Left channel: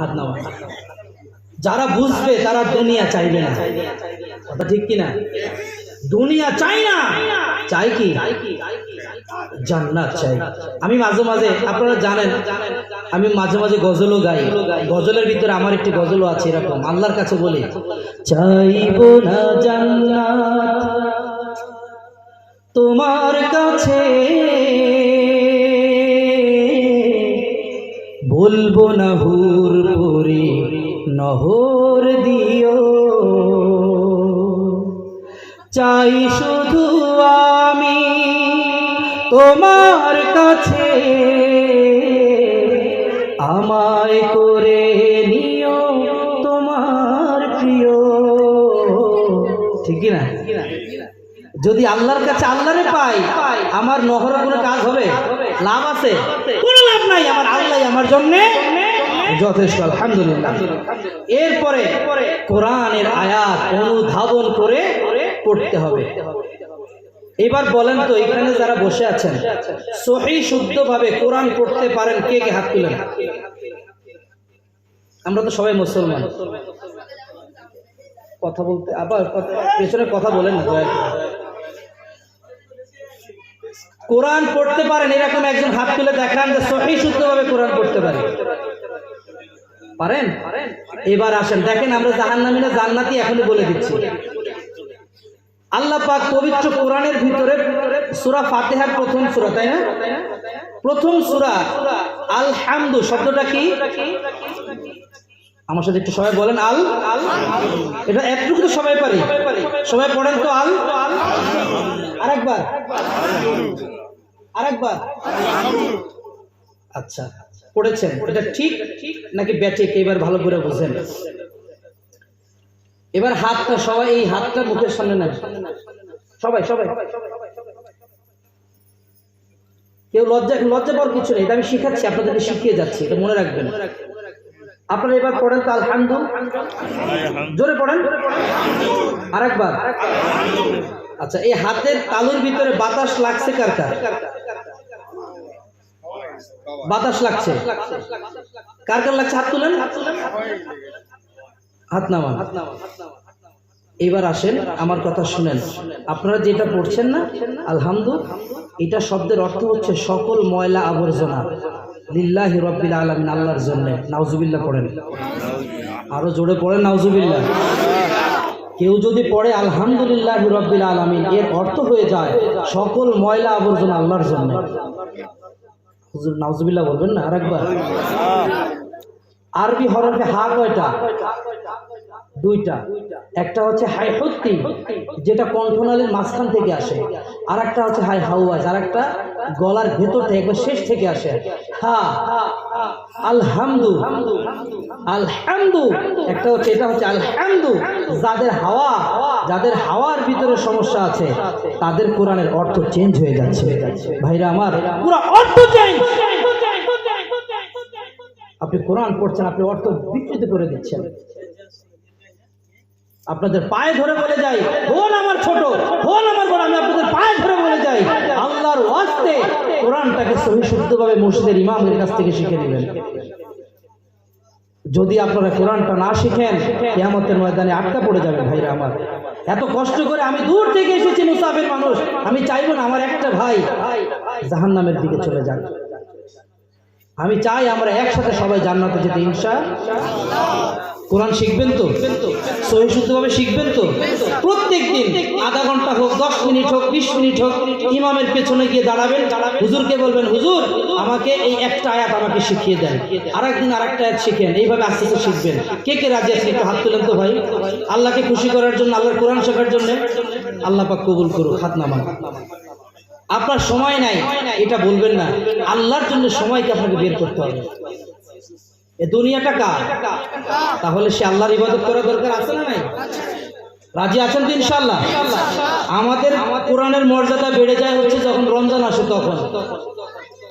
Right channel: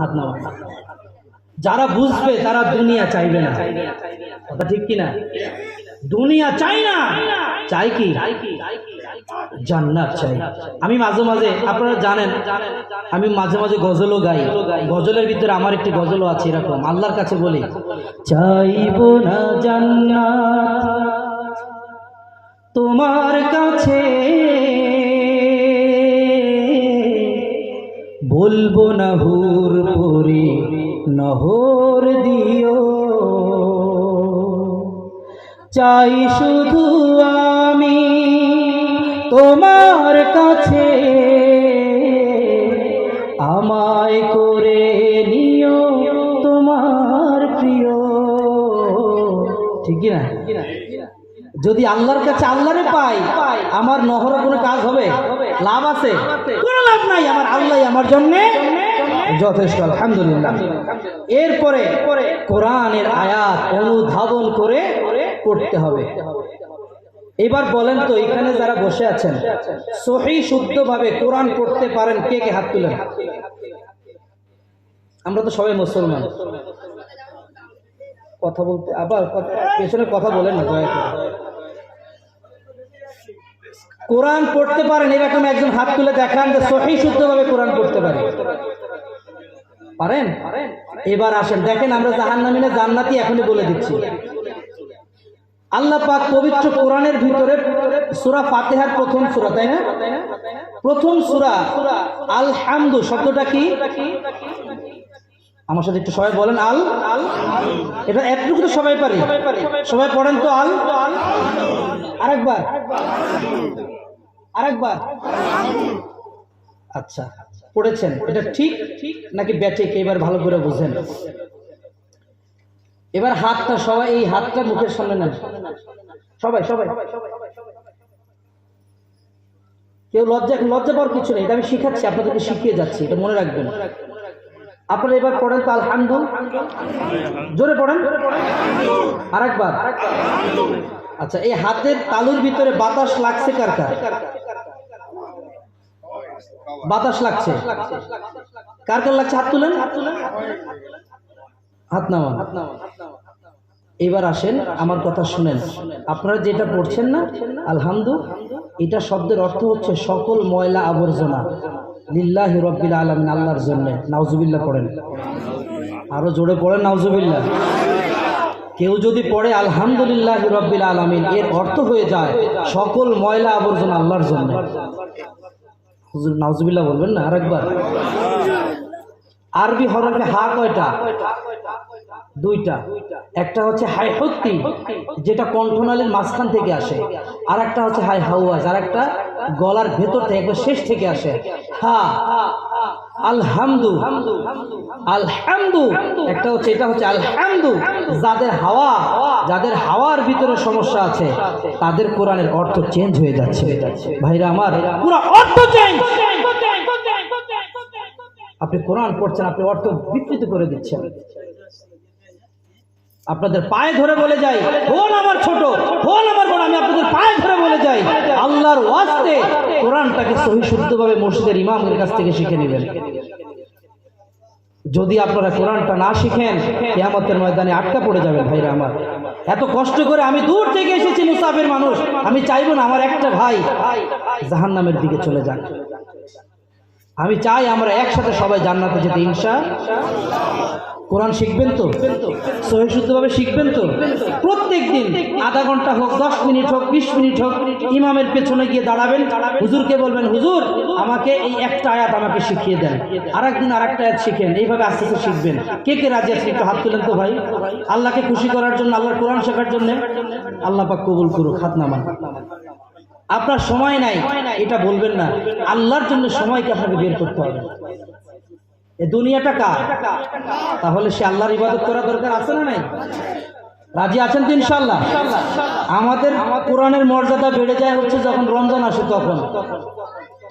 হাত নামান। যারা বুঝবে তারা দুনিয়া চাইবে না, কথা ঠিক কিনা? দুনিয়া চাই না, চাই কি? জান্নাত চাই। আমি মাঝে মাঝে, আপনারা জানেন, আমি মাঝে মাঝে গজলও গাই। গজলের ভিতরে আমার একটি গজলও আছে এরকম, আল্লাহর কাছে বলি, চাইবো না জান্নাত তোমার কাছে, বলবো না হুর পরি নহর দিও, চাই শুধু আমি তোমার কাছে, আমায় করে নিও তোমার প্রিয়। ঠিক না? যদি আল্লাহর কাছে আল্লাহরে পাই, আমার নহরের কোনো কাজ হবে? লাভ আছে? কোনো লাভ নাই। আমার আল্লাহ আমার জন্য যথেষ্ট, আলহামদুলিল্লাহ। এরপরে কোরআনের আয়াত অনুধাবন করে পড়তে হবে। এবার বলেন তো, এখানে যারা বসে আছেন সহি শুদ্ধভাবে কোরআন পড়তে পারেন কে কে? হাত তুলেন। আমরা তো সবাই মুসলমান। কথা বলতে আবার পেছনে কথা বলেন না দয়া করে। কোরআন পড়তে পারেন এরকম একজন হাত তুলে দেখান যে সহি শুদ্ধভাবে কোরআন পড়তে পারে। পারেন? এবার আসেন, দেখেন আমরা জাহান্নামী না জান্নাতি এখনই বলে দিচ্ছি। আল্লাহ পাক পবিত্র কোরআনের ভিতরে সূরা ফাতিহার প্রথম সূরা, তাই না? প্রথম সূরা আল হামদু শব্দটা কি? আমার সাথে একটু সবাই বলেন আল। এটা একটু তো সবাই পারি, সবাই পড়েন তো আল। আরেকবার, আরেকবার। আচ্ছা, পড়েছেন? এটা ঠিক নাকি ব্যাঠিক? এবার ভালো করে বুঝেন। এবার হাতটা সবাই, এই হাতটা মুখের সামনে নেন সবাই সবাই। কেউ লজ্জা পাওয়ার কিছু নেই, এটা আমি শিখাচ্ছি, আপনাদেরকে শিখিয়ে যাচ্ছি, এটা মনে রাখবেন। আপনারা এবার পড়েন তো আলহামদুলিল্লাহ, জোরে পড়েন। আরেকবার। আচ্ছা, এই হাতের তালুর ভিতরে বাতাস লাগছে কার কার? বাতাস লাগছে কার কার লাগছে? হাত তুলেন, হাত নামান। এবার আসেন, আমার কথা শুনেন। আপনারা যেটা পড়ছেন না আলহামদুলিল্লাহ, এটা শব্দের অর্থ হচ্ছে সকল ময়লা আবর্জনা লিল্লাহি রাব্বিল আলামিন, আল্লাহর জন্য। নাউজুবিল্লাহ পড়েন, আরো জোরে পড়েন নাউজুবিল্লাহ। কেউ যদি পড়ে আলহামদুলিল্লাহি রাব্বিল আলামিন, এর অর্থ হয়ে যায় সকল ময়লা আবর্জনা আল্লাহর জন্য। হুজুর নাউজুবিল্লাহ বলবেন না? আরেকবার। আরবি হরফে হা কয়টা? দুইটা। একটা হচ্ছে হাই হত্তি, যেটা কণ্ঠনালীর মাঝখান থেকে আসে, আর একটা হচ্ছে হাই হাওয়াজ, আর একটা গলার ভেতর থেকে একবার শেষ থেকে আসে। হা আলহামদু, আলহামদু একটা হচ্ছে, এটা হচ্ছে আলহামদু। যাদের হাওয়ার ভিতরে সমস্যা আছে তাদের কোরআনের অর্থ চেঞ্জ হয়ে যাচ্ছে। ভাইরা আমার, পুরো অর্থ চেঞ্জ। আপনি কোরআন পড়ছেন, আপনি অর্থ বিকৃত করে দিচ্ছেন। আপনাদের পায়ে ধরে বলে যাই, হন আমার ছোট, হন আমার বড়, আমি আপনাদের পায়ে ধরে বলে যাই, আল্লাহর ওয়াস্তে কোরআনটাকে সহি শুদ্ধভাবে মসজিদের ইমামের কাছ থেকে শিখে নেবেন। যদি আপনারা কোরআনটা না শিখেন, কিয়ামতের ময়দানে আটকা পড়ে যাবেন। ভাইরা আমার, এত কষ্ট করে আমি দূর থেকে এসেছি, মুসাফির মানুষ, আমি চাইবো না আমার একটা ভাই জাহান্নামের দিকে চলে যাক। আমি চাই আমরা একসাথে সবাই জান্নাতে যেতে ইনশাআল্লাহ। কোরআন শিখবেন তো? সহি শুদ্ধভাবে শিখবেন তো? প্রত্যেক দিন আধা ঘন্টা হোক, 10 মিনিট হোক, 20 মিনিট হোক, ইমামের পেছনে গিয়ে দাঁড়াবেন, হুজুরকে বলবেন, হুজুর আমাকে এই একটা আয়াত আমাকে শিখিয়ে দেন, আরেকদিন আরেকটা আয়াত শিখেন। এইভাবে আস্তে আস্তে শিখবেন। কে কে রাজি আছেন? একটু হাত তুলেন তো ভাই। আল্লাহকে খুশি করার জন্য, আল্লাহর কোরআন শেখার জন্য। আল্লাহ পাক কবুল করুক। হাত নামান। আপনার সময় নাই এটা বলবেন না, আল্লাহর জন্য সময়কে আপনাকে বের করতে হবে। এই দুনিয়াটা কার? তাহলে সে আল্লাহর ইবাদত করা দরকার আছে না নাই? রাজি আছেন তো ইনশাআল্লাহ? আমাদের কোরআনের মর্যাদা বেড়ে যায় হচ্ছে যখন রমজান আসে,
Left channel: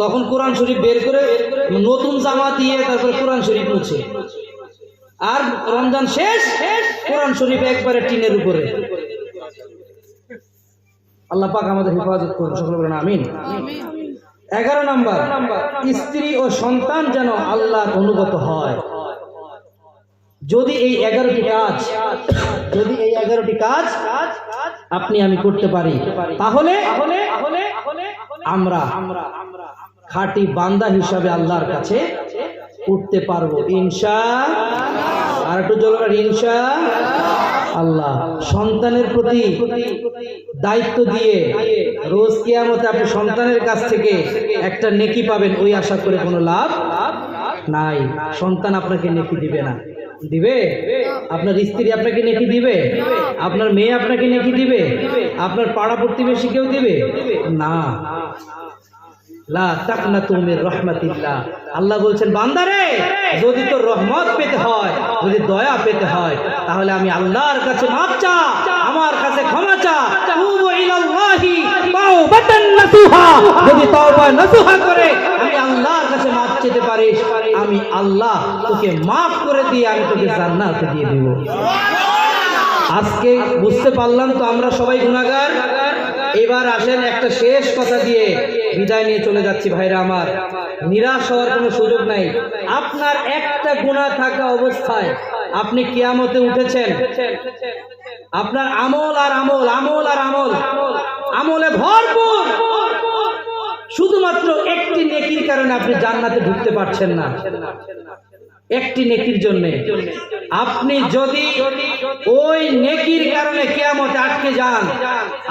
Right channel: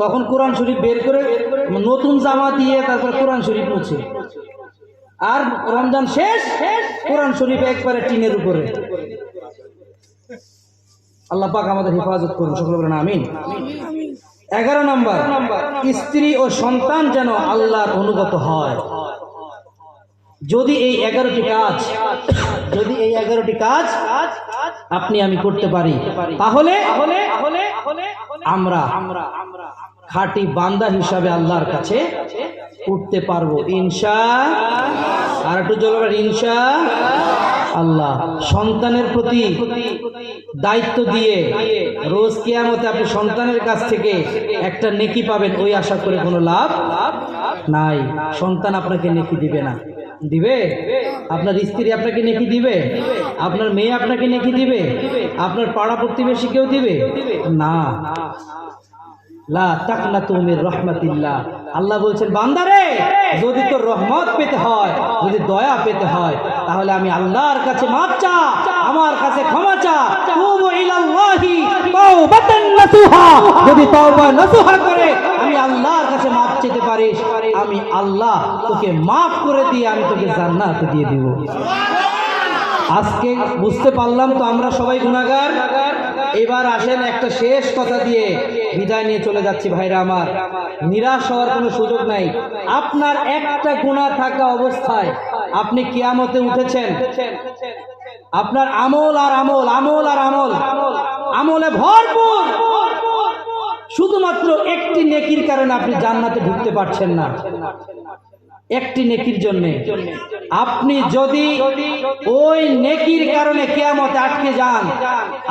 তখন কোরআন শরীফ বের করে নতুন জামা দিয়ে তারপর কোরআন শরীফ মুছে, আর রমজান শেষ, কোরআন শরীফ একবারে টিনের উপরে। আল্লাহ পাক আমাদের হেফাজত করুন, সকলে বলেন আমিন। 11 নম্বর, স্ত্রী ও সন্তান যেন আল্লাহর অনুগত হয়। যদি এই 11টি কাজ আপনি আমি করতে পারি, তাহলে আমরা খাঁটি বান্দা হিসাবে আল্লাহর কাছে উঠতে পারবো ইনশাআল্লাহ। আর একটু জোরে বলেন ইনশাআল্লাহ। সন্তানের প্রতি দায়িত্ব দিয়ে রোজ কিয়ামতে আপনি সন্তানের কাছ থেকে একটা নেকি পাবেন, ওই আশা করে কোনো লাভ নাই। সন্তান আপনাকে নেকি দিবে না। দিবে? আপনার স্ত্রী আপনাকে নেকি দিবে? আপনার মেয়ে আপনাকে নেকি দিবে? আপনার পাড়া প্রতিবেশী কেউ দিবে না। লা তাকনাতু মির রাহমাতিল্লাহ। আল্লাহ বলছেন, বান্দারে, যদি তোর রহমত পেতে হয়, যদি দয়া পেতে হয়, তাহলে আমি আল্লাহর কাছে মাপ চা, আমার কাছে ক্ষমা চা। তুবু ইলাল্লাহি তাওবাতান নাসুহা। যদি তওবা নাসুহা করে আমি আল্লাহর কাছে মাপ চেতে পারিস, আমি আল্লাহ তোকে মাফ করে দিয়ে আমি তোকে জান্নাত দিয়ে দেব। আজকে বুঝতে পারলাম তো আমরা সবাই গুনাহগার। এবার আসেন একটা শেষ কথা দিয়ে বিদায় নিয়ে চলে যাচ্ছি। ভাইরা আমার, নিরাশ হওয়ার কোনো সুযোগ নাই। আপনার একটা গুনাহ থাকা অবস্থায় আপনি কিয়ামতে উঠেছেন, আপনার আমল আর আমল, আমল আর আমল, আমলে ভরপুর, শুধুমাত্র একটি নেকির কারণে আপনি জান্নাতে ঢুকতে পারছেন না। একটি নেকির জন্য আপনি যদি ওই নেকির কারণে কিয়ামতে আটকে যান,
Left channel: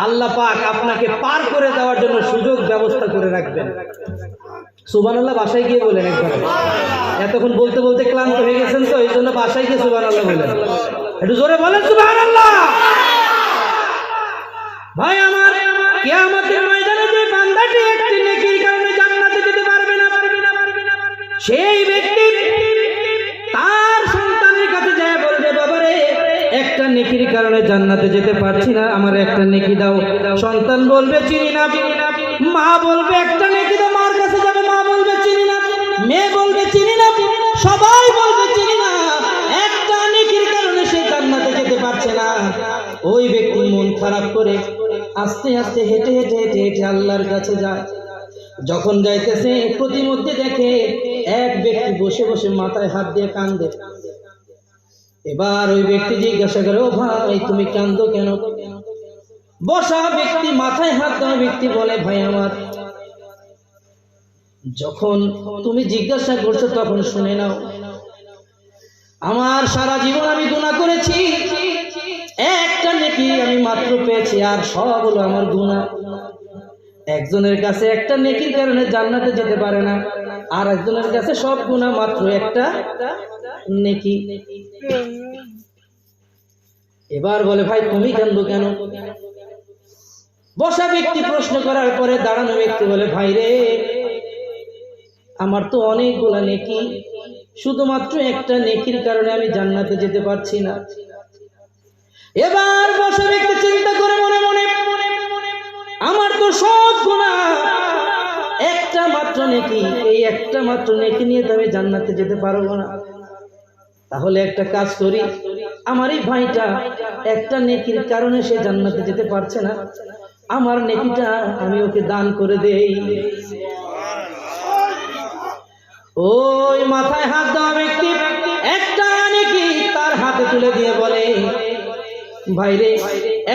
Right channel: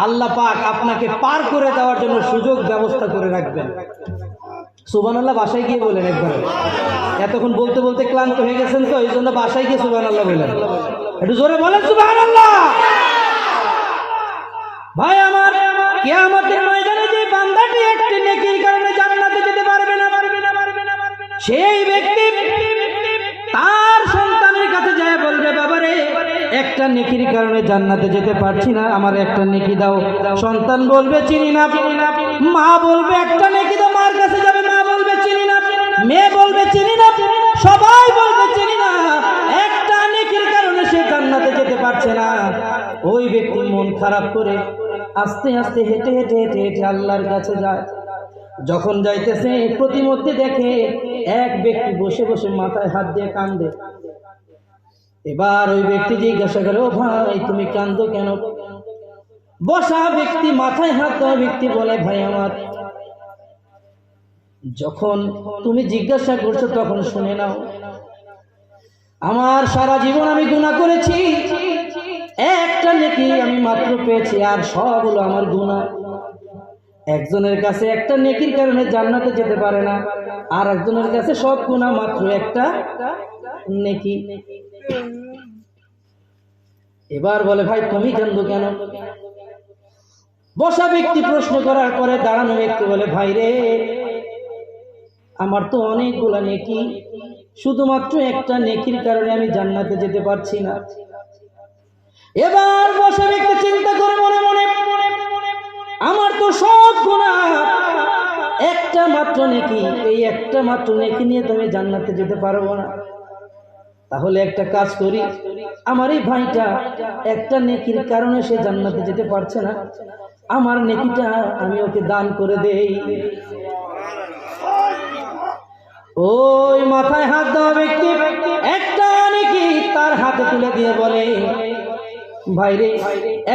আল্লাহ পাক আপনাকে পার করে দেওয়ার জন্য সুযোগ ব্যবস্থা করে রাখবেন। সুবহানাল্লাহ বাসায় গিয়ে বলেন একবার। এতক্ষণ বলতে বলতে ক্লান্ত হয়ে গেছেন তো, এই জন্য বাসায় গিয়ে সুবহানাল্লাহ বলেন। একটু জোরে বলেন সুবহানাল্লাহ। ভাই আমার, কিয়ামতের ময়দানে যে বান্দাটি একটি নেকির কারণে জান্নাতে যেতে পারবে না, সেই ব্যক্তি তার সন্তানের কাছে যায় বলবে, বাবারে, একটা নেকির কারণে জান্নাতে যেতে পারছি না, আমার একটা নেকি দাও। সন্তান বলবে, চিনি না। মা বলবে, একটা নেকি দাও। মার কাছে যাবে, মা বলবে, চিনি না। মেয়ে বলবে, চিনি না। সবাই বলবে, চিনি না। একটা নেকির কারণে সে জান্নাতে যেতে পারছে না। ওই ব্যক্তি মন খারাপ করে আস্তে আস্তে হেঁটে হেঁটে হেঁটে হেঁটে আল্লাহর কাছে যায়। যখন যাইতেছে, প্রতিমধ্যে দেখে এক ব্যক্তি বসে বসে মাথায় হাত দিয়ে কান্দে। এবার ওই ব্যক্তি জিজ্ঞাসা করে, ও ভাই, তুমি কান্দো কেন? বসা ব্যক্তি, মাথায় হাত দেওয়া ব্যক্তি বলে, ভাই আমার, যখন তুমি জিজ্ঞাসা করছো তখন শুনে নাও। আমার সারা জীবন আমি গুনাহ করেছি, একটা নেকি আমি মাত্র পেয়েছি, আর সব হলো আমার গুনাহ। একজনের কাছে একটা নেকির কারণে জান্নাতে যেতে পারে না, আর একজনের কাছে সব গুনাহ মাত্র একটা নেকি। এবার বলে, ভাই তুমি কান্দো কেন? বসা ব্যক্তি প্রশ্ন করার পরে দাঁড়ানো ব্যক্তি বলে, ভাই রে, আমার তো অনেকগুলা নেকি, শুধুমাত্র একটা নেকির কারণে আমি জান্নাতে যেতে পারছি না। এবার বসা ব্যক্তি চিন্তা করে মনে মনে, আমার তো সব গুনাহ, একটা মাত্র নেকি, এই একটা মাত্র নেকি নিয়ে তো আমি জান্নাতে যেতে পারবো না। তাহলে একটা কাজ করি, আমার এই ভাইটা একটা নেকির কারণে সে জান্নাতে যেতে পারছে না, আমার নেকিটা আমি ওকে দান করে দেই। ওই মাথায় হাত দেওয়া ব্যক্তি একটা নেকি তার হাতে তুলে দিয়ে বলে, ভাইরে,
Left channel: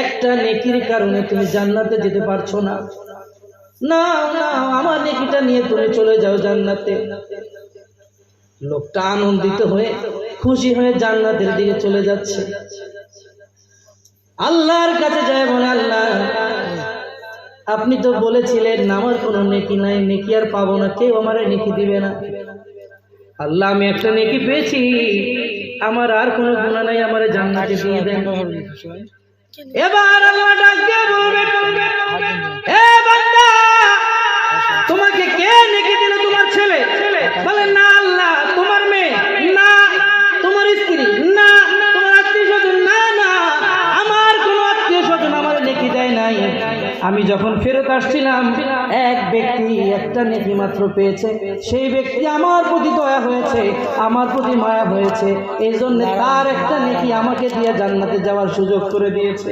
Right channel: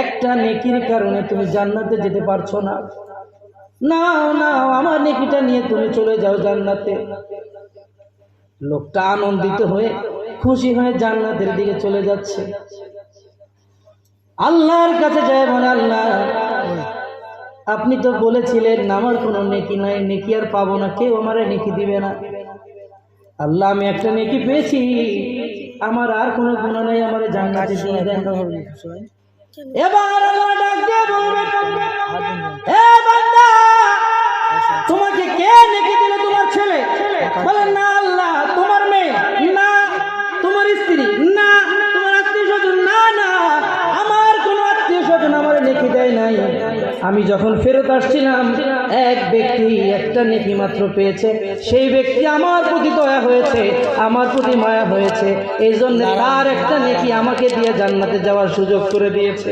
একটা নেকির কারণে তুমি জান্নাতে যেতে পারছো না, নাও নাও, আমার নেকিটা নিয়ে তুমি চলে যাও জান্নাতে। লোকটা আনন্দিত হয়ে খুশি হয়ে জান্নাতের দিকে চলে যাচ্ছে। আল্লাহর কাছে যায় বলে, আল্লাহ, আপনি তো বলেছিলেন আমার কোনো নেকি নাই, নেকি আর পাবো না, কেউ আমারে নেকি দিবে না। আল্লাহ, আমি একটা নেকি পেয়েছি, আমার আর কোনো গুনাহ নাই, আমারে জান্নাতে দিয়ে দেন। এবার আল্লাহ ডাক দিয়ে বলবে, হে বান্দা, তোমাকে কে নেকি দিল? তোমার ছেলে? বলে, না আল্লাহ। তোমার মেয়ে? না। তোমার স্ত্রী? না। তোমার আত্মীয়স্বজন? না না, আমার কোনো আত্মীয়স্বজন আমার নেকি দেয় নাই। আমি যখন ফেরত আসছিলাম, এক ব্যক্তি একটা নেকি মাত্র পেয়েছে, সেই ব্যক্তি আমার প্রতি দয়া হয়েছে, আমার প্রতি মায়া হয়েছে, এই জন্য তার একটা নেকি আমাকে দিয়ে জান্নাতে যাওয়ার সুযোগ করে দিয়েছে।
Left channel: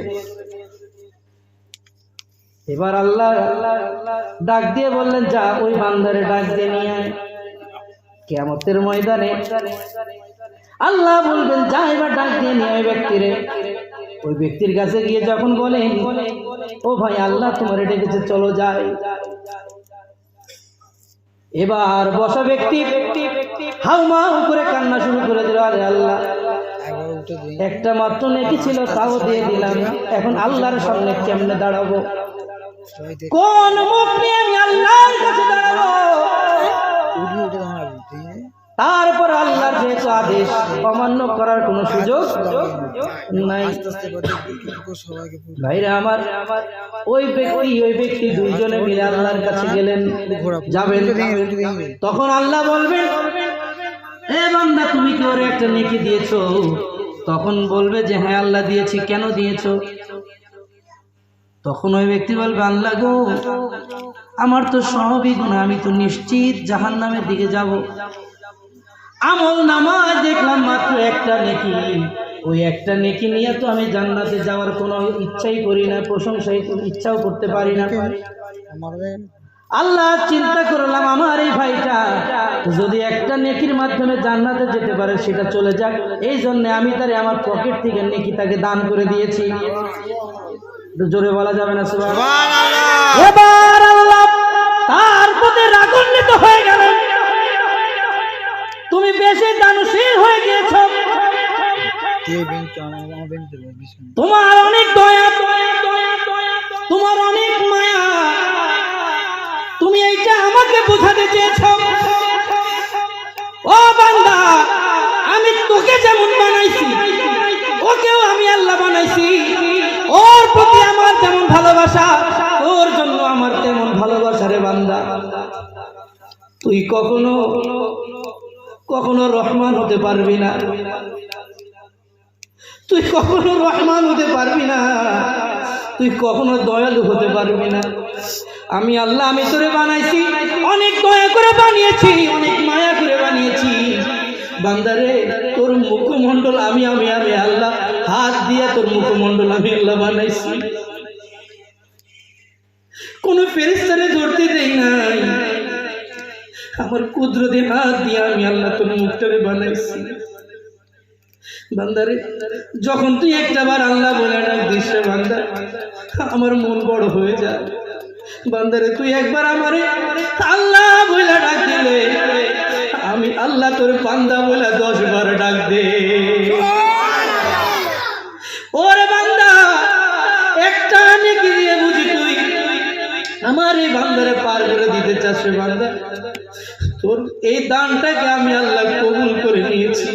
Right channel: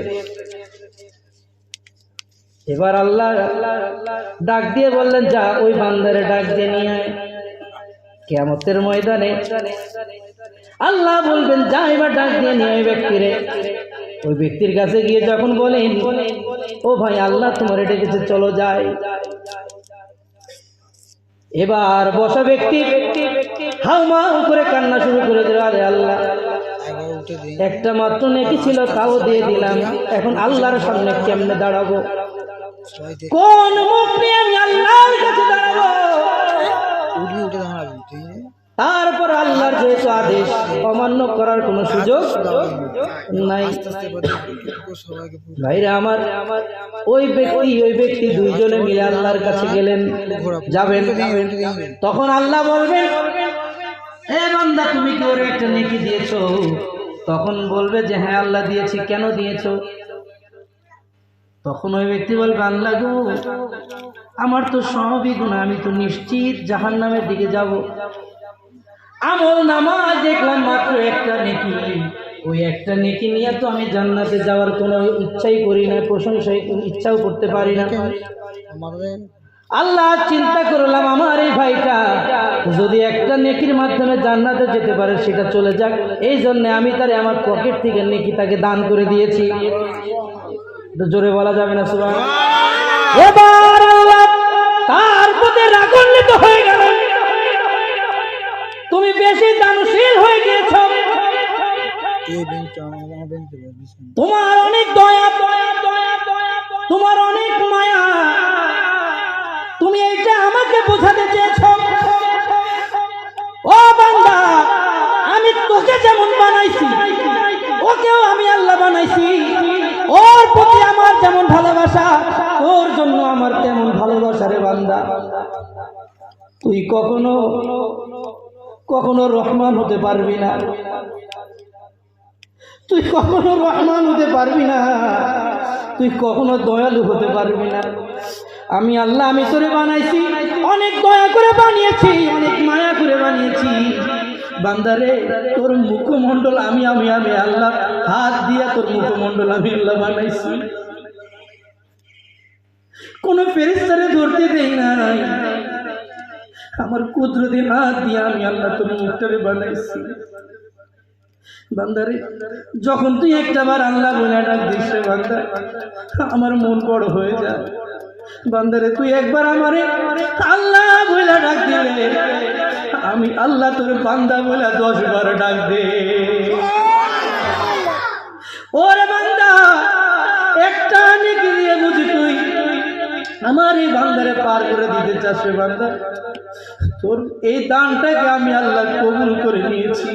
এবার আল্লাহ ডাক দিয়ে বললেন, যা, ওই বান্দারে ডাক দিয়ে নিয়ে আয়। কিয়ামতের ময়দানে আল্লাহ বলবেন যা এবার ডাক দিয়ে নিয়ে ওই ব্যক্তিরে। ওই ব্যক্তির কাছে গিয়ে যখন বলেন ও ভাই আল্লাহ তোমার ডেকেছে চলো যাই, এবার বসা ব্যক্তি হাউমাউ করে কান্না শুরু করে দিল, আরে আল্লাহ একটা মাত্র নেকি ছিল তাও দিয়ে দিলাম, এখন আল্লাহর সামনে কেমনে দাঁড়াবো, কোন মুখ নিয়ে আমি আল্লাহর কাছে দাঁড়াবো? তারপর আল্লাহর যে আদেশ অমান্য করার কোনো সুযোগ নাই। ভাইরা আমার, ওই ব্যক্তি দুইজনে মিলে আল্লাহর কাছে গেলেন, যাবেন, তখন আল্লাহ বলবেন এ বান্দা তুমি কি ওর একটা নেকি দিয়েছো? তখন বলবে যে হ্যাঁ আল্লাহ দিয়েছি, কেন দিয়েছো? তখন ওই ব্যক্তি বলবে আল্লাহ গো আমার তো সবই গুনাহ, আমি তো নিশ্চিত জাহান্নামের দিকে যাব, আমল নামায় দেখলাম মাত্র একটা নেকি, ওই একটা নেকি নিয়ে তো আমি জান্নাতে যাওয়ার কোনো ইচ্ছাই করি না, প্রশংসাই ইচ্ছাও করতে পারি না। আল্লাহ চিন্তা করলাম আমার এই ভাইটা যদি একটা নেকির মাধ্যমে জান্নাতে যেতে পারে সেটা চলে যাক, এই জন্য আমি তারে আমার পকেট থেকে নেকি তাকে দান করে দিয়েছি। জোরে বলা যাবে না সুবহানাল্লাহ? এবার আল্লাহ তার প্রতি রাগান্বিত হয়ে গেলেন, তুমি বেশি দানশীল হয়ে গিয়েছো, তোমার অনেক দয়া, তোমার অনেক মায়া, তুমি এইটা আমাকে বোঝাতে চেয়েছো? ও বান্দা আমি তোকে যেমন বানাইছি ওকেও আমি আল্লাহ বানাইছি, ওর প্রতি আমার যেমন ভালোবাসা ওর জন্য আমার তেমন ভালোবাসা রে বান্দা, তুই কখনো কখনো রহমান হতে পারবি না, তুই কখনো রহমান হতে পারবি না, তুই কখনো দয়ালু হতে পারবি না। আমি আল্লাহ আমি তোরে বানাইছি, অনেক দয়া করে বানিয়েছি, অনেক মায়া করে বানিয়েছি বান্দারে, তোর মুখমণ্ডল আমি আমি আমি আল্লাহ হাত দিয়ে তোর মুখমণ্ডল আমি আল্লাহ বানাইছি, কোন ফেরেশতারে ধরতে দেই নাই, আমার কুদরতি হাত দিয়ে আমি আল্লাহ তোর মুখটারে বানাইছি। বান্দারে যখন তুই একটাবার আল্লাহ বলে ডাক দিস রে বান্দা, আমার মন বড় হয়ে যায়। বান্দারে তুই একবার আমারে আল্লাহ বলে ডাক দিলে আমি আল্লাহ তোর বান্দা বলে 10 বার ডাক দে। ওরে বান্দা একটা নেকি দিয়ে বুঝি তুই আমার এই বান্দারে পার করে দিতে চাস রে বান্দা, তোর এই দানটাকে আমি আল্লাহ কবুল করে নিয়েছি।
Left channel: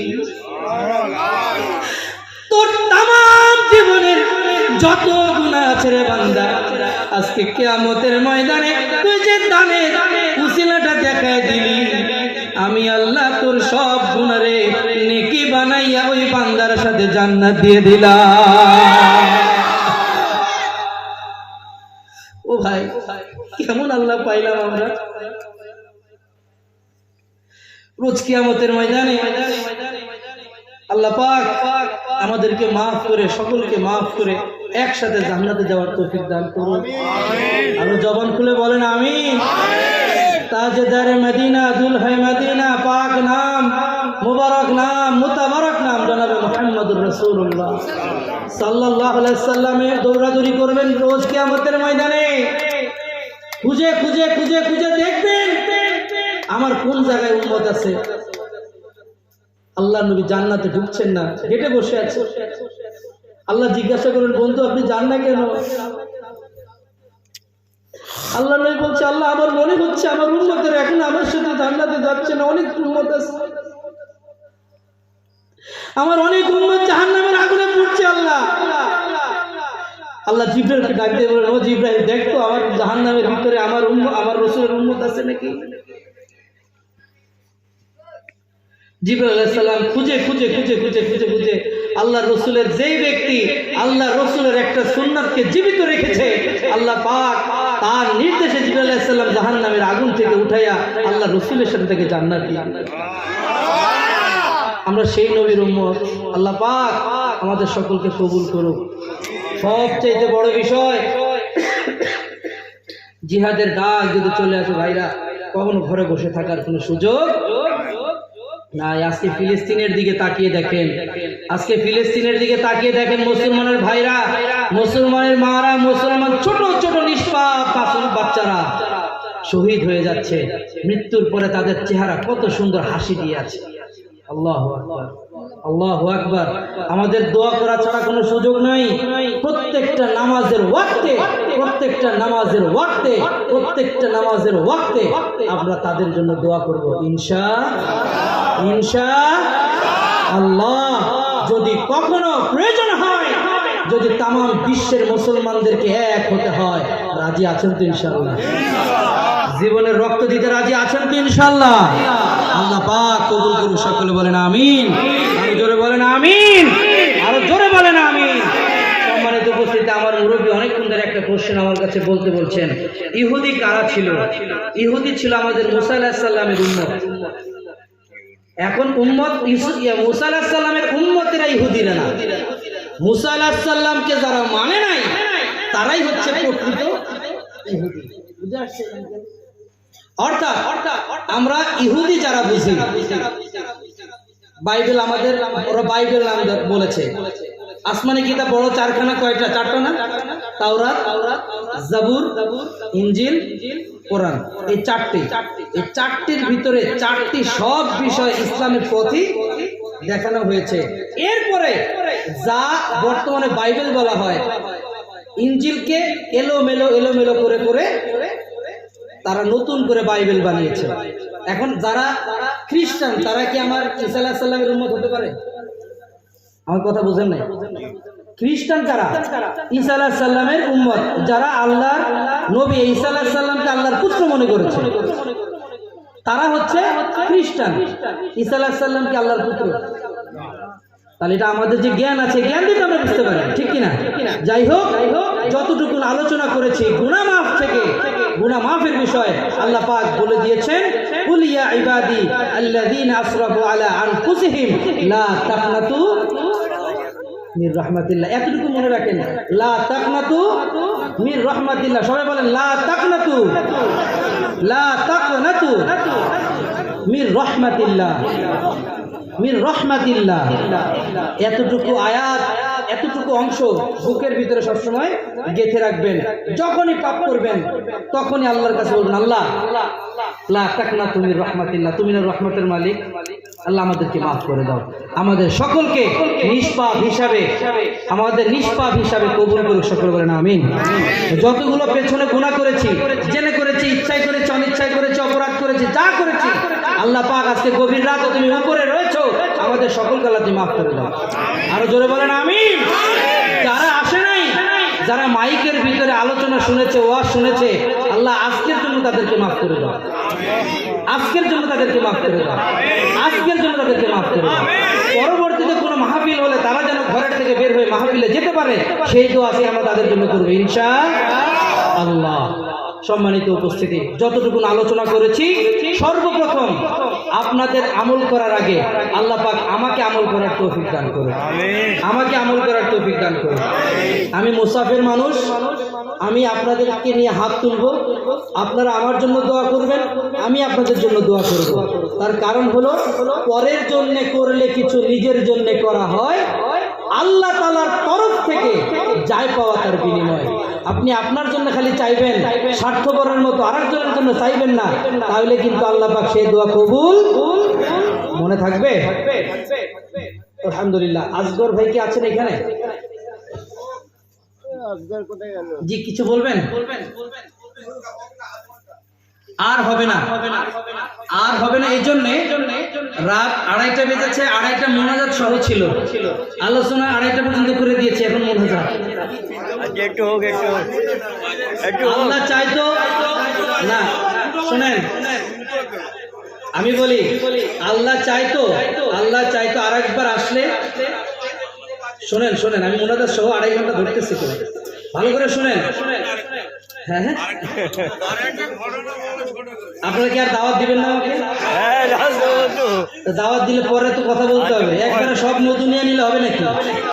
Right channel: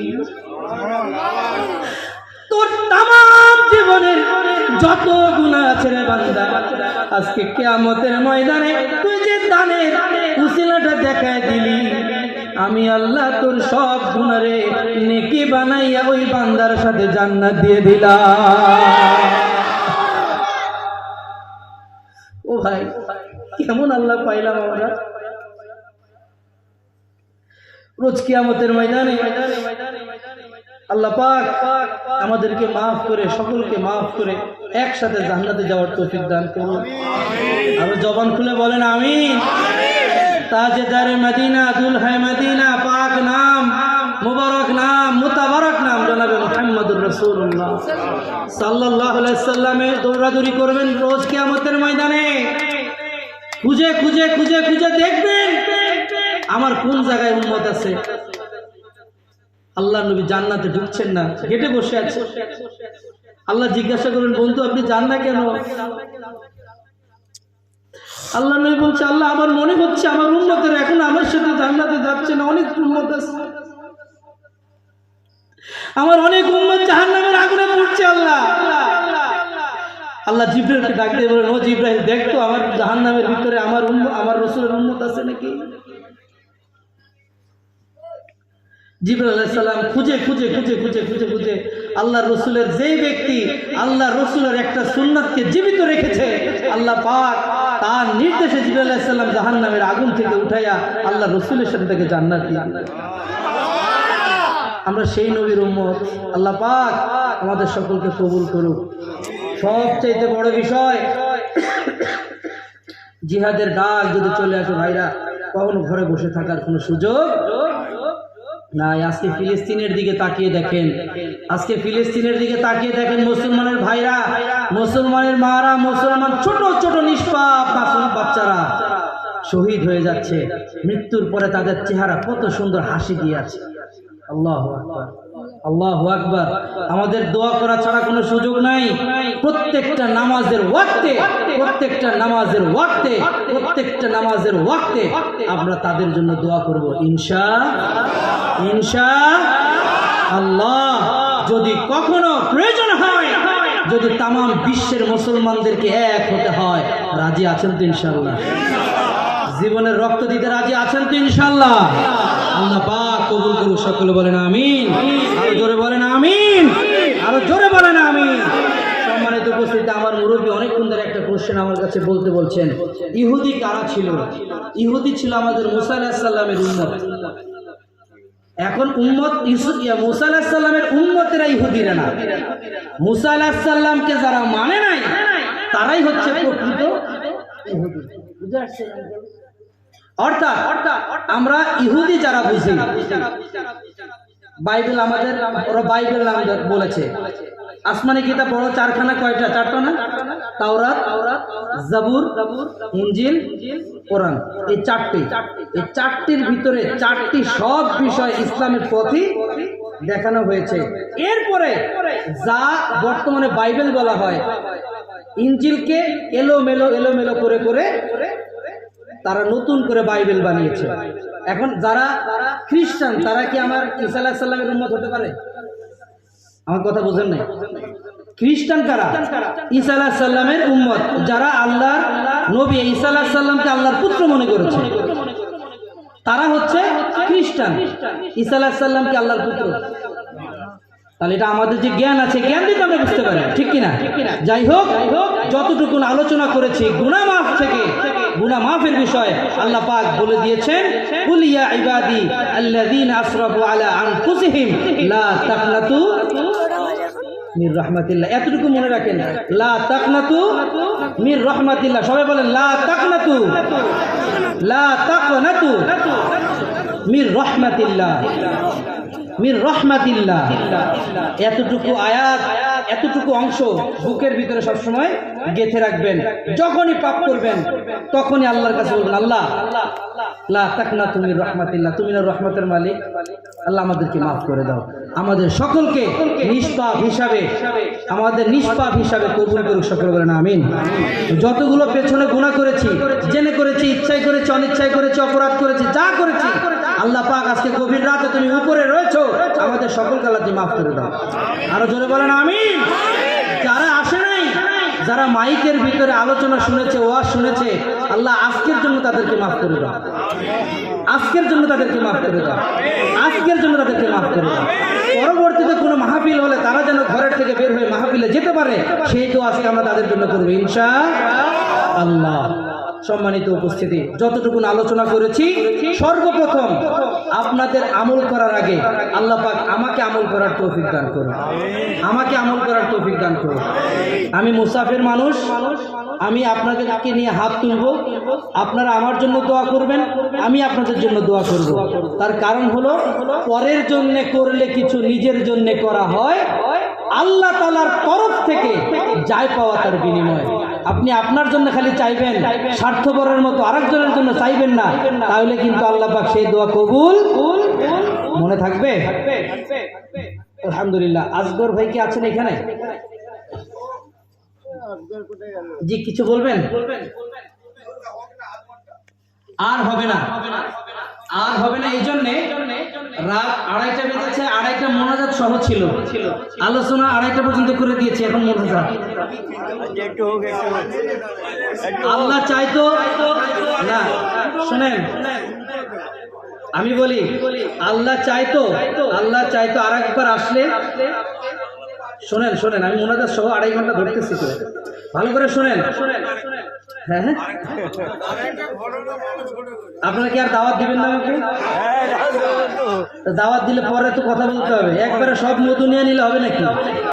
তোর তামাম জীবনের যত গুনাহ আছে রে বান্দা, আজকে কিয়ামতের ময়দানে তুই যে দানের উসিলাটা দেখায় দিলি, আমি আল্লাহ তোর সব গুনারে নেকি বানাইয়া ওই বান্দার সাথে জান্নাত দিয়ে দিলাম। ও ভাই কেমন আল্লাহ পাইলাম আমরা। রোজ কিয়ামতের ময়দানে আল্লাহ পাক আমাদেরকে মাফ করে, সকলকে মাফ করে একসাথে জান্নাতে যাওয়ার তৌফিক দান করুন। আরো জবান খুলে বলেন আমিন। তাজদার মদিনা, দুলহাই মদিনা, পাক নাম, মুবারক নাম, মুতাবারক নাম জনাবে মুহাম্মদুর রাসূলুল্লাহ সাল্লাল্লাহু আলাইহি সাল্লামের দৌড়াদৌড়ি করবেন রোজ কিয়ামতের ময়দানে। খুঁজে খুঁজে খুঁজে খুঁজে দেখবেন আমার কোন জায়গায় উম্মত আছে। আল্লাহ নবী জান্নাতে ঢুকছেন না, গেটে বসে আছে। আল্লাহ জিজ্ঞাসা করেন বন্ধু আপনি যান না কেন? আল্লাহ নবী বলছে আল্লাহ আমার মনে হচ্ছে আমার উম্মতের এখন আমার সাথে জান্নাতে যাচ্ছে না, অনেক উম্মত আছে, আমার অনেক উম্মত জাহান্নামের আগুনে পড়ছে। আল্লাহ আল্লাহ জিবরাইলকে ডাক দিয়ে বলেন ও জিবরাইল দেখতো আমার জাহান্নামের ভিতরে আমার আমার রাসূলের উম্মত আছে নাকি। জিবরাইল আলাইহিস সালাম খুঁজে খুঁজে খুঁজে খুঁজে খুঁজে খুঁজে আল্লাহ রসুলের যেই ব্যক্তি আল্লাহ রসুলের একটা সুন্নাতকে জীবিত রেখেছে, আল্লাহ পাক তার নির্দেশে জিবরাইল আলাইহিস সালাম জাহান্নামের আগুন থেকে উঠাইয়া আল্লাহ রসুলের সাথে থেকে জান্নাত দিয়ে। আমরা সেই নবীর উম্মত। আল্লাহ পাক আমাদের সকলকে কবুল করুক। সবচেয়ে বড় বিষয় জিহাদের ডাক যদি চলে আসে ভাইরা, কখনো ঘরে বসে থাকার কোনো সুযোগ না, আজকে ফিলিস্তিনের দিকে তাকিয়ে দেখেন, আজকে ফিলিস্তিনের দিকে তাকিয়ে দেখেন, মুসলমানের ভাইরা, মুসলমানের মারা, মুসলমান ছোট ছোট নিষ্পাপ মাসুম বাচ্চারা শহীদ হয়ে যাচ্ছে। মৃত্যুর পরে তাদের চেহারা কত সুন্দর হাসি দিয়ে আছে। আল্লাহু আকবার, আল্লাহু আকবার। আমাদের দোয়া করা ছাড়া কোনো সুযোগ নাই। প্রত্যেকটা নামাজের ওয়াক্তে, প্রত্যেকটা নামাজের ওয়াক্তে, প্রত্যেকটা নামাজের ওয়াক্তে আমরা তাদের জন্য দোয়া করব ইনশাআল্লাহ। যদি কখনো প্রয়োজন হয়, যদি তাম বিশ্বের মুসলমানদেরকে এক হতে হয়, রাজি আছেন তো ইনশাআল্লাহ? জীবনের রক্ত দিতে রাজি আছেন তো ইনশাআল্লাহ? আল্লাহ পাক কবুল করুন। সকলে বলেন আমিন। আরো জোরে বলেন আমিন, আরো জোরে বলেন আমিন। সম্মানিত উপস্থিতি, আমার মুরব্বী অনেকক্ষণ ধরে একটা কোশ্চেন আমার কাছে বলছেন, ইহুদি কারা ছিল? ইহুদি ছিল আমাদের মুসা আলাইহিস সালামের উম্মত। এখন উম্মত মুসা আলাইহিস সালামের উম্মতেরা ইহুদিরা না। মুসা আলাইহিস সালামকে যারা মানে নাই তারাই হচ্ছে প্রকৃত ইহুদি। বুঝতে পারছেন? অর্থাৎ আমরা ইহুদি যারা বুঝি, বাইবেল আমাদের, ওরা বাইবেল নাম বলেছে। আসমানি কিতাব বড় চারখানা, কয়টা? চারটা না? তাওরাত, জাবুর, ইনজিল, কোরআন। এই চারটির ভিতরে চারটি সব বিষয় ইসলামের প্রতি দেখানো হয়েছে। এরপরে যা বর্তমানে বাইবেল বলা হয়, ইনজিলকে এলোমেলো করে তারা নতুন করে বাইবেল বানিয়েছে। এখন যারা খ্রিস্টান, তারা কি আমার ঈসা আলাইহিস সালামের উম্মত হতে পারে? আমার কথা বুঝেন নাই? খ্রিস্টান কারা? ঈসা আলাইহিস সালামের উম্মত, যারা আল্লাহর নবী ঈসা আলাইহিস সালামকে আল্লাহর পুত্র মনে করেছে, তারা হচ্ছে খ্রিস্টান। ঈসা আলাইহিস সালামকে আল্লাহর পুত্র। তাহলে এটা আমাদের যে জ্ঞান আছে, জ্ঞান দিতে আমরা বুঝতে পারি, ঠিক কিনা? যাই হোক, যতটুকু আলোচনা করেছি গুনাহ মাফ থেকে, গুনাহ মাফের বিষয় আল্লাহ পাক বলে দিয়েছেন, কুল ইয়া ইবাদি আল্লাযীনা আসরাফু আলা আনফুসিহিম লা তাকনাতু মির রাহমাতিল্লাহ। এতটুকু মনে রাখেন, লা তাকনাতু মির রাহমাতিল্লাহ। সবাই বলেন লা তাকনাতু মির রাহমাতিল্লাহ, মির রাহমাতিল্লাহ। এতটুকু আয়াত, এতটুকু অংশ বুকের ভিতরে সবসময় গেঁথে রাখবেন। যখনই পাপ করবেন তখনই আল্লাহর কাছে বলবেন, আল্লাহ লা তাকনাতু মির রাহমাতিল্লাহ, তুমি না রহমতের মালিক, আল্লাহ আমাদেরকে মাফ করে দাও। আমাদের সকলকে নিষ্পাপ হিসাবে কবুল করুক। সকলে বলেন আমিন। যতগুলো পেছনে গুনাহ করেছি, জেনে করেছি, ইচ্ছায় করেছি, অনিচ্ছায় করেছি, অপরাধ করেছি, যা করেছি, আল্লাহ পাক আজকে গভীর রাতে তুমি উপরে রয়েছো, আমাদের সকলকে আল্লাহ তুমি মাফ করে দাও। আরো জোরে বলেন আমিন। যারা আসে নাই, যারা মাইকের ভিতরে আলোচনা শুনেছে, ওয়াজ শুনেছে, আল্লাহ আজকের জন্য তাদেরকে মাফ করে দাও, আজকের জন্য তাদেরকে মাফ করে দাও, আজকের জন্য তাদেরকে মাফ করে দাও। পরবর্তীতে কোনো মাহফিল হলে তারা যেন ঘরের থেকে বের হয়ে মাহফিলে যেতে পারে, সেই তো আজকে আমরা তাদের জন্য করবো ইনশাআল্লাহ। সম্মানিত উপস্থিতি, যতটুকু আলোচনা করেছি, সর্বপ্রথম আপনাদের আমল করার আগে আল্লাহ পাক আমাকে আমল করার তৌফিক দান করুন, আমাকে আমল করার তৌফিক দান করুন। আমি মুসাফির মানুষ, আমি আপনাদেরকে নিয়ে হাত তুলব, আপনারা আমার জন্য দোয়া করবেন, আমি আপনাদের জন্য দোয়া করব। তার কারণ হলো, পরের জন্য করলে কিছু নিজের জন্য করা হয়, আল্লাহ তাআলার তরফ থেকে যাই পাওয়া তার বিনিময়। আপনি আপনার জন্য খালি চাইবেন, স্বার্থপরের মতো আরেকজনের জন্য চাইবেন না, তাহলে কিন্তু আল্লাহ পাক সেই দোয়া কবুল। মনে থাকবে? আলহামদুলিল্লাহ। আসগর ভাই কি আছেন এখানে? জি, কিছু বলবেন? আর হবে না, আর হবে না। এই জন্যে রাত 2:30 বেজেছে, 2:30 মোনাজাত সহ ছিল, আলোচনা 2:30 পর্যন্ত করে দিয়েছে। এখন মোনাজাত আল্লাহ চাইতো না, শুনেন আমি বলি, আল্লাহ চাইতো আরেকবার আসলে, শোনেন আমি মোনাজাত সহ 2.5 ঘন্টা ধরতেছি, তো ভালো করে শোনেন। হ্যাঁ, আপনারা কি আর দাওয়াত দিবেন না আমাকে? দাওয়াত দিলে পরে তো কথা বলতে হবে, একবারে সব নতুন নিয়ে নিলে হবে নাকি?